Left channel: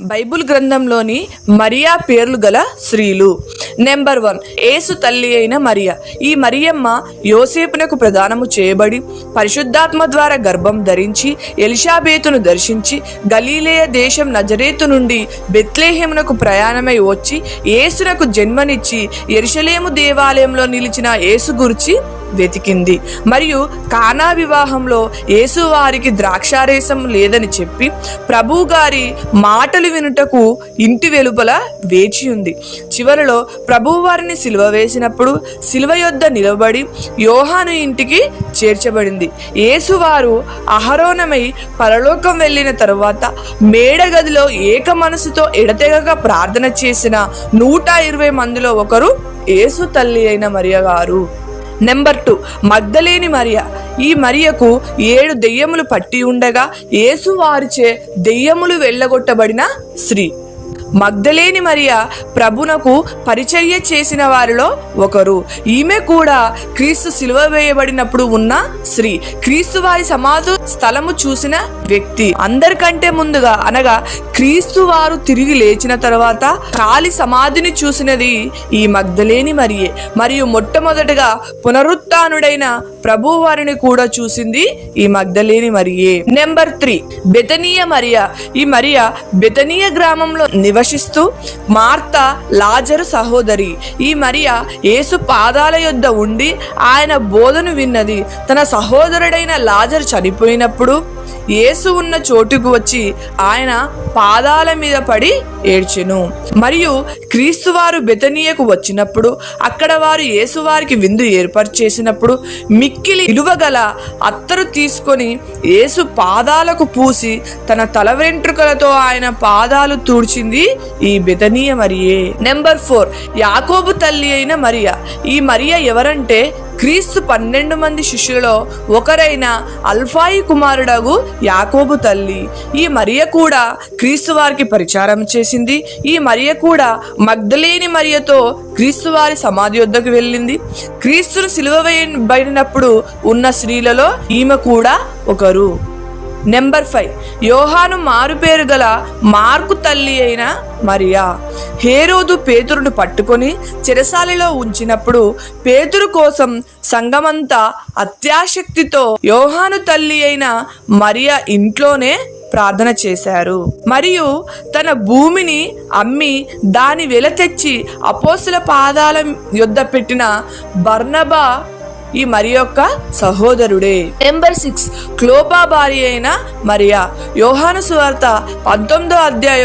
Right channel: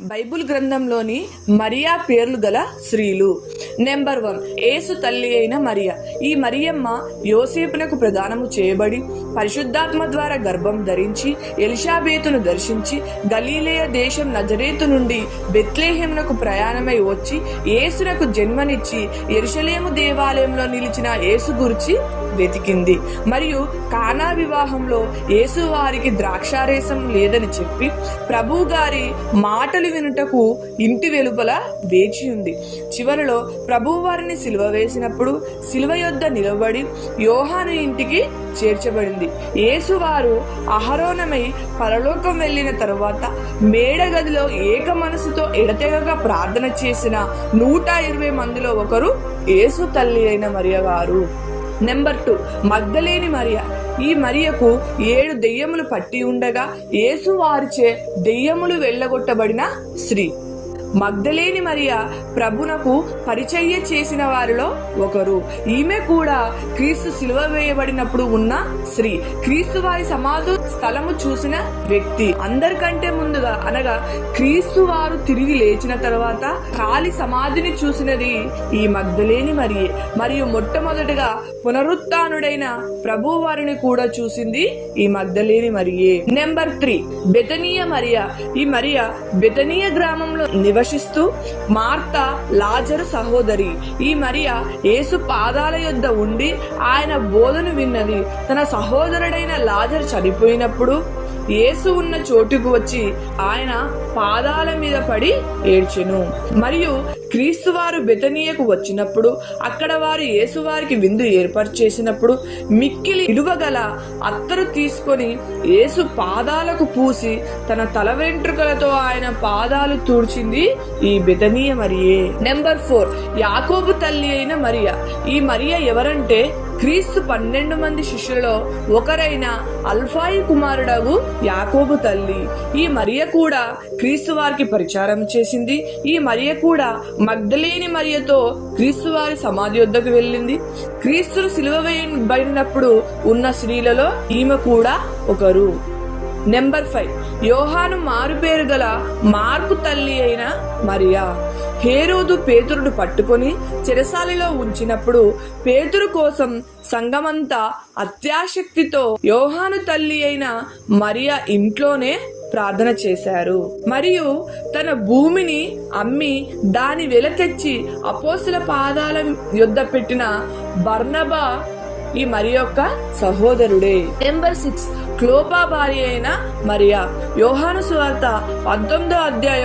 Bible గ్రంథంలోని మరియా పేర్లు గల స్త్రీలు. నెంబర్ 1, యేసు తల్లి అయిన మరియ. ఈ మరియమ్మ యోసేపునకు ప్రదానము చేయబడి పరిశుద్ధాత్మ ద్వారా గర్భం ధరించి ఎలిషాబేతును దర్శించి గలీలేయ దేశం నజరేతు నుండి బెత్లెహేమునకు ప్రయాణమై వచ్చి యేసునకు జన్మనిచ్చి యెరూషలేము దేవాలయంలో నిలిచిన యేసు గురించి వెతికింది. మరియు కానా వివాహంలో యేసు వారికి ద్రాక్షారసం లేదని చెప్పి ప్రభు గారి మాటలు వినుటకు ఇంటి వెలుపల వేచి ఉంది. చివరిలో ప్రభువు వారిని సిలువ వేసినప్పుడు సిలువ యొద్ద నిలబడి యోహాను ఇంటికి చేర్చబడింది. యేసు వారు అహరోనమై పరలోకం వెళ్ళిన తరువాత మేడగదిలో ఏక మనసుతో ఎడతెగక ప్రార్థన చేసిన 120 మందిలో ఒకరు యేసు తల్లి అయిన మరియ గారు. నెంబర్ 2, మగ్దలేని మరియ. ఈ మరియకు 7 దెయ్యములు పట్టి ఉండగా యేసు వారిచే దెయ్యములు వెళ్ళగొట్టబడిన స్త్రీ. మగ్దలేని మరియ ప్రభునకు పరిచర్య చేసిన వారిలో ఒకరు. ఈమె కూడా క్రీస్తు సిలువ వేయబడినప్పుడు ఉన్న స్త్రీ. క్రీస్తు వారి సమాధి స్థలము చూసిన వ్యక్తి. అందరికంటే ముందుగా అనగా క్రీస్తు వారు తిరిగి లేచిన తర్వాత ఖాళీ సమాధిని చూసినది ఈ మగ్దలేని మరియే. మరియు మొట్టమొదటిగా పునరుత్థానుడైన ప్రభు వారిని కూడా చూసింది ఈ మగ్దలేని మరియే. నెంబర్ 3, బెతనీయ మరియ. ఈ మరియ బెతనీయ గ్రామంలో నివసిస్తూ మార్తా లాజరు సహోదరి. ఈ మరియ యేసు పాదాల యొద్ద ఉండి ఆయన బోధను విన్నది. తన సహోదరుడైన లాజరు చనిపోయినప్పుడు యేసు ఉన్న చోటుకు వచ్చి ఆయన పాదాల మీద పడి ఏడ్చెను. మరియు క్రీస్తు వారు బెతనీయకు వచ్చినప్పుడు అక్కడ వారు యేసు వారికి విందు ఏర్పాటు చేసినప్పుడు మిక్కిలి విలువగల అత్తరు తీసుకొని యేసు పాదాలకు పూసి తన తల వెంట్రుకలతో ఆయన పాదాలు తూడ్చింది ఈ బెతనీయ మరియే. నెంబర్ 4, యాకోబు తల్లి అయిన మరియ. ఈ మరియ ఎవరంటే క్రీస్తు 12 మంది శిష్యులలో ఒకరైన అల్ఫాయి కుమారుడగు యాకోబు తల్లి. ఈ మరియ కూడా క్రీస్తు వారికి పరిచారం చేసింది. ఈ మరియ కూడా మగ్దలేని మరియతో క్రీస్తు వారి సమాధి వద్దకు వెళ్ళింది. క్రీస్తును సిలువ వేయబడినప్పుడు ఉన్న స్త్రీలలో ఈమె కూడా ఒకరు. నెంబర్ 5, యోహాను మారుపేరు గల మార్కు తల్లి అయిన మరియా. హేరోదు పేతురును పట్టుకొని చెరసాలలో ఉంచినప్పుడు పేతురు కోసం సంఘమంతా అత్యాశక్తితో యోహాను తల్లి అయిన మరియా ఇంట్లోనే ప్రార్థన చేశారు. మరియు తన భూమిని అమ్మి దాని వెల తెచ్చి అపోస్తల పాదాల యొద్ద పెట్టిన బర్నబా ఈ మరి యొక్క సహోదరుడే. నెంబర్ 6, క్లోపా భార్య అయిన మరియా. యోహాను సువార్త 19వ అధ్యాయము